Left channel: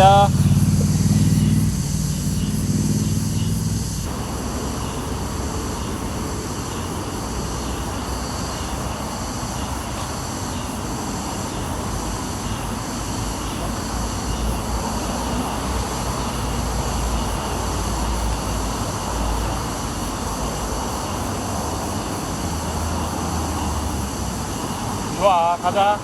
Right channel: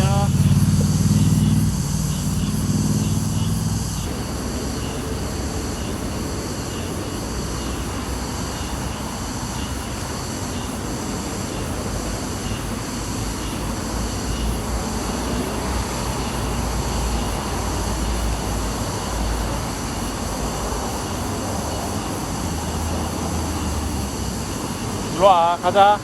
어디야? 일로와, 가자.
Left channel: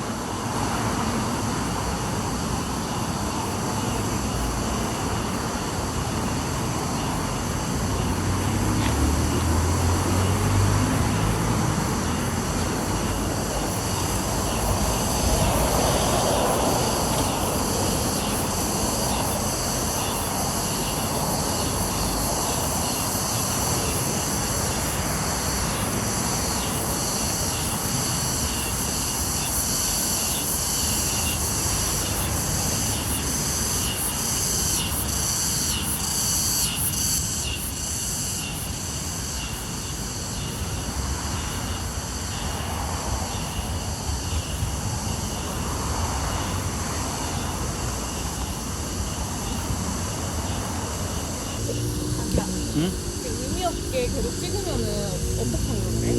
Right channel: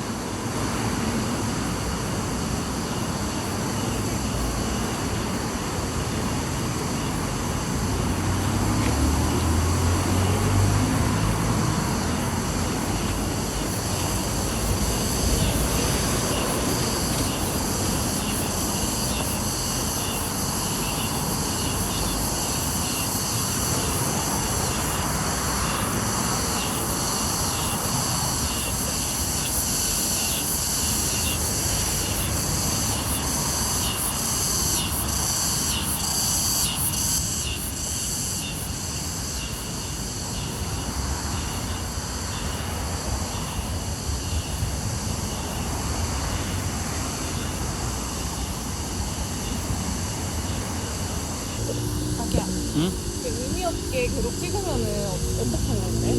자기야, 응? 의미 없게 계속 찍으면은 어떡하는 건데?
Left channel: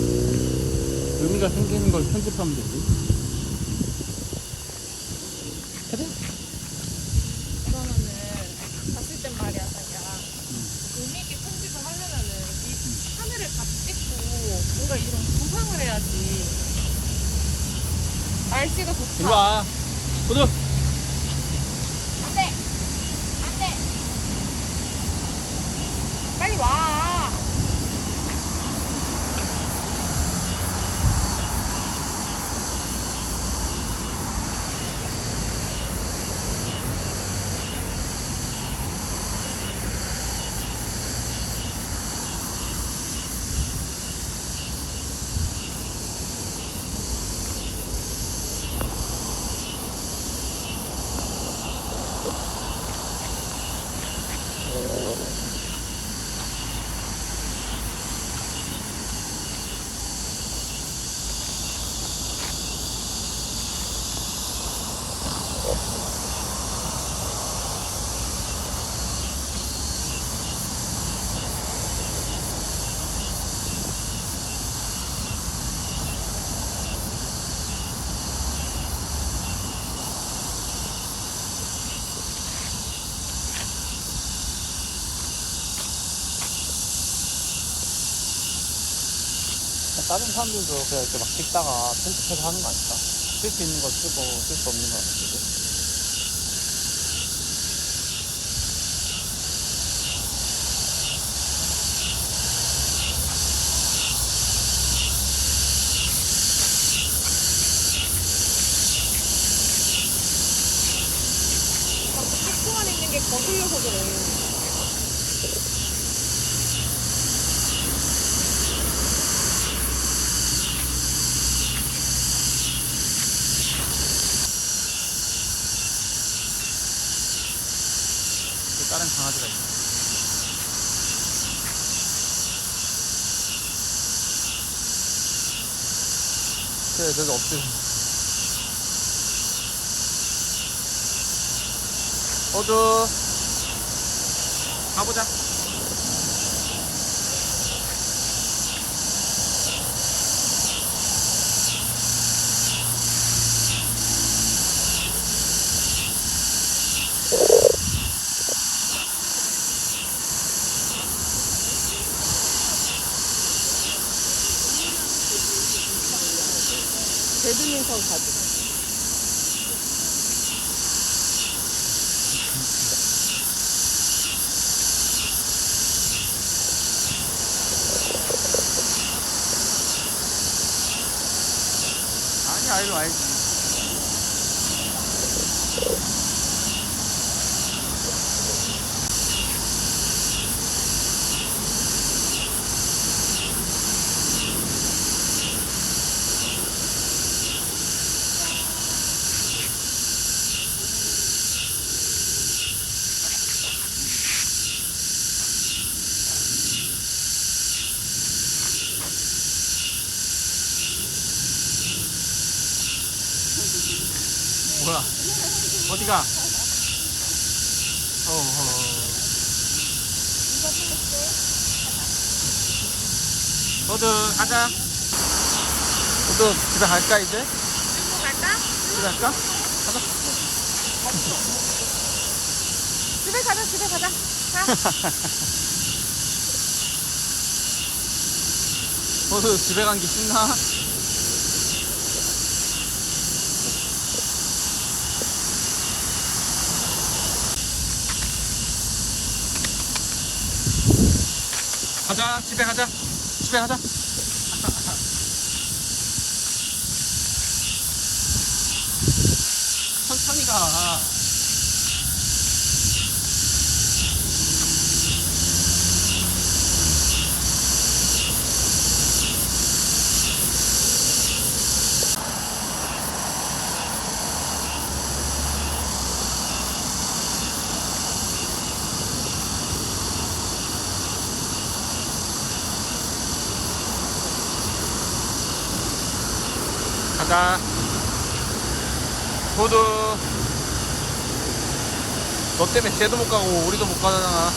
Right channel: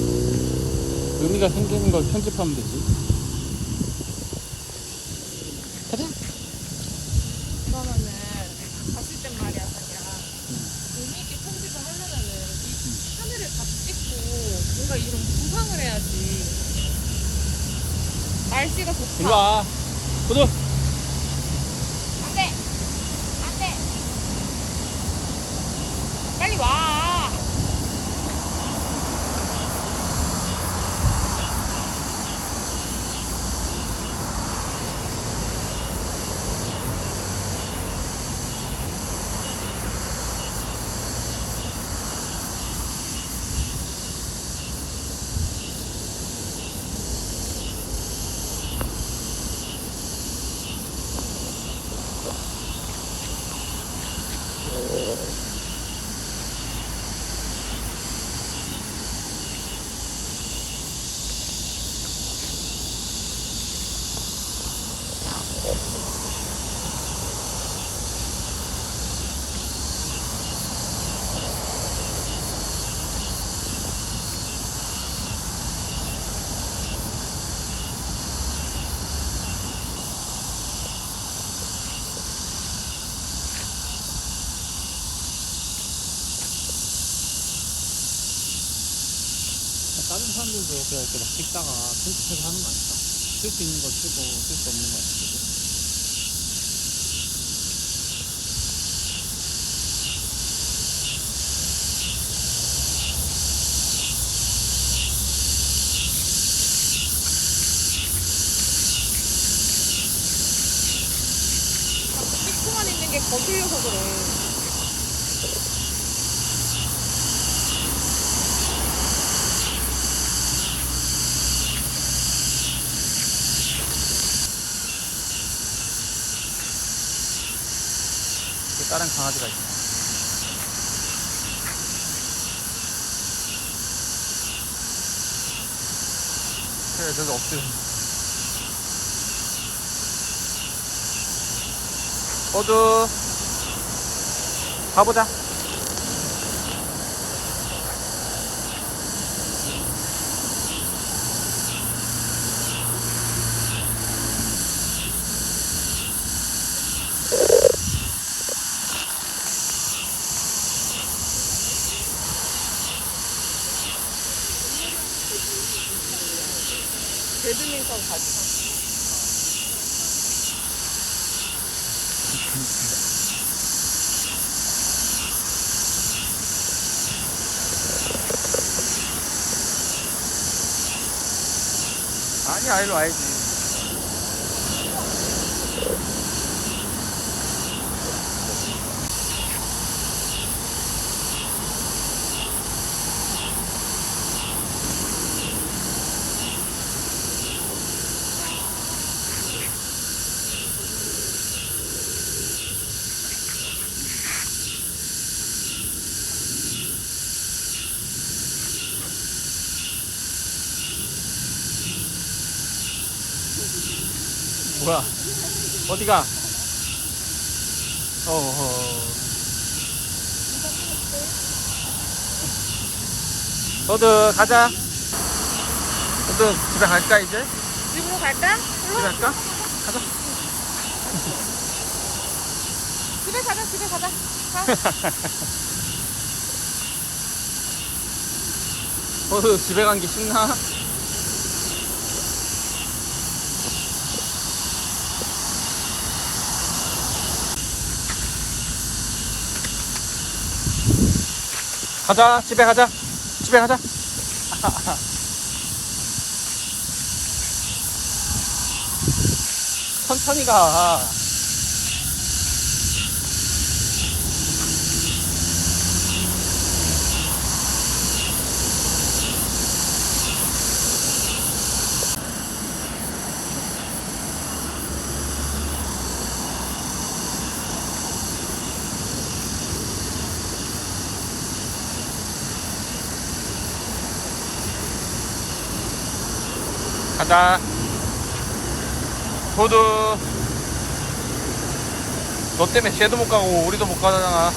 의미가 생기는 걸 편집하면 되지. 가자. 그러면은 봤을 땐 말이야, 자기야. 의미 있게 편집을 하려면은 이 하늘을 다 찍고 뭔가 이런 구상을 해야지. 날씨가 좋다. 일로 와. 구두. 안 돼! 안 돼! 빨리 와! 다른 사람들도 그냥 이렇게 막 찍다가 편집해서 하는 거 아닐까? 쓸 수 있는 거 쓰고 쓸 수 없는 거 쓰고. 자꾸 찍고만 있는 게 거슬려서 그래. 다른 강아지가 있어. 그래, 저도 없지. 호주 가보자. 배드민턴 가지. 아니야, 일로 와야지. 뭐야? 어디가? 어허. 이거 찍었어. 너도 가자. 너도 집에 갈까 이제? 집으로 갈까? 집에 갈까? 가자. 집에 가자, 집에 가자. 자. 너도 집에 간 게 신나? 가자, 집에 가자. 집에 가자. 천천히 가. 가자. 도두. 너 때문에 쟤도 못 가고 우리도 못 가잖아.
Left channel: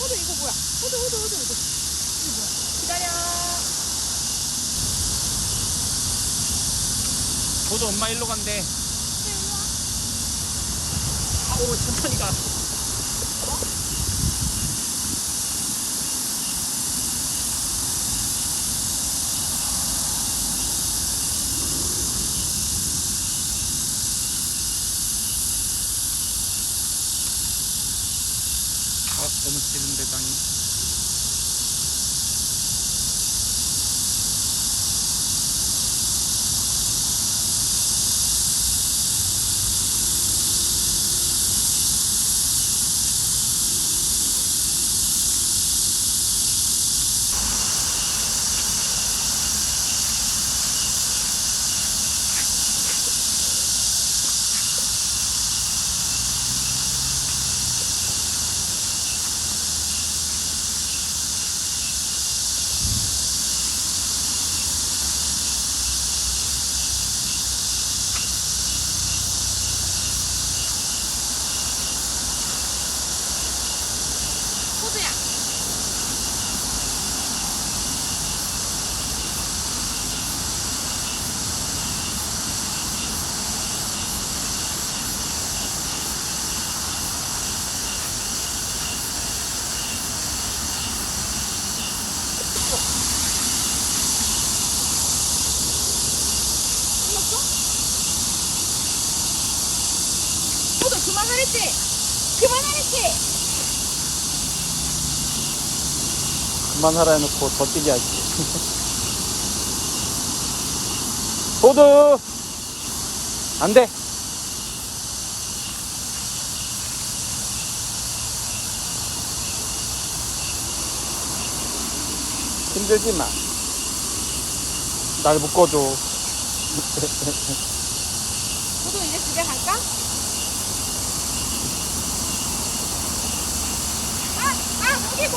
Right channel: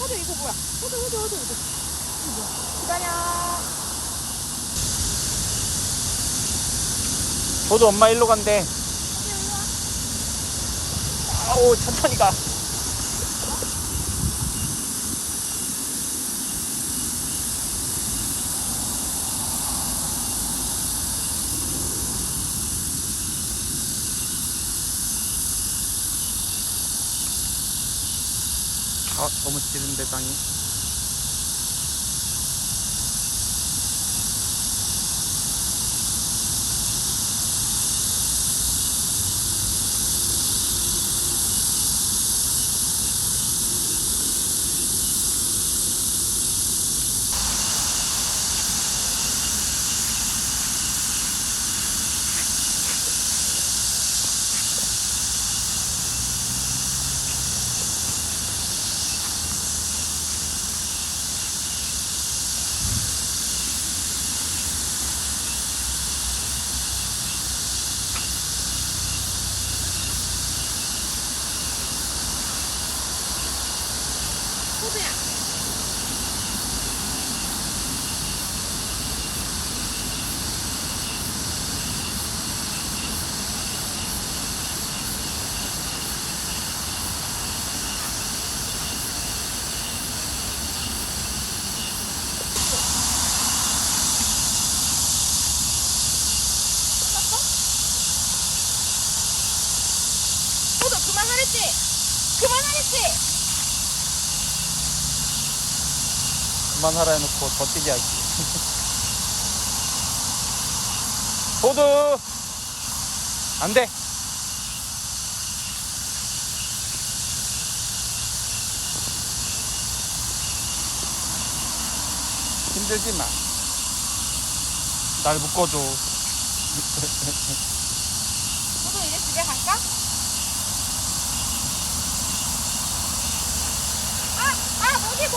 호두 이거 뭐야? 호두. 이거 뭐야? 기다려. 도두 엄마 일로 간대. 아우 천천히 가. 아 너무 지른데 땅이. 호두야. 호두 그만하랬지? 그만하랬지? 그만하라 해놓고 더 뛰게 하지. 도두 안돼. 힘들지 마. 날 묶어줘. 호두 이제 집에 갈까? 아, 고기.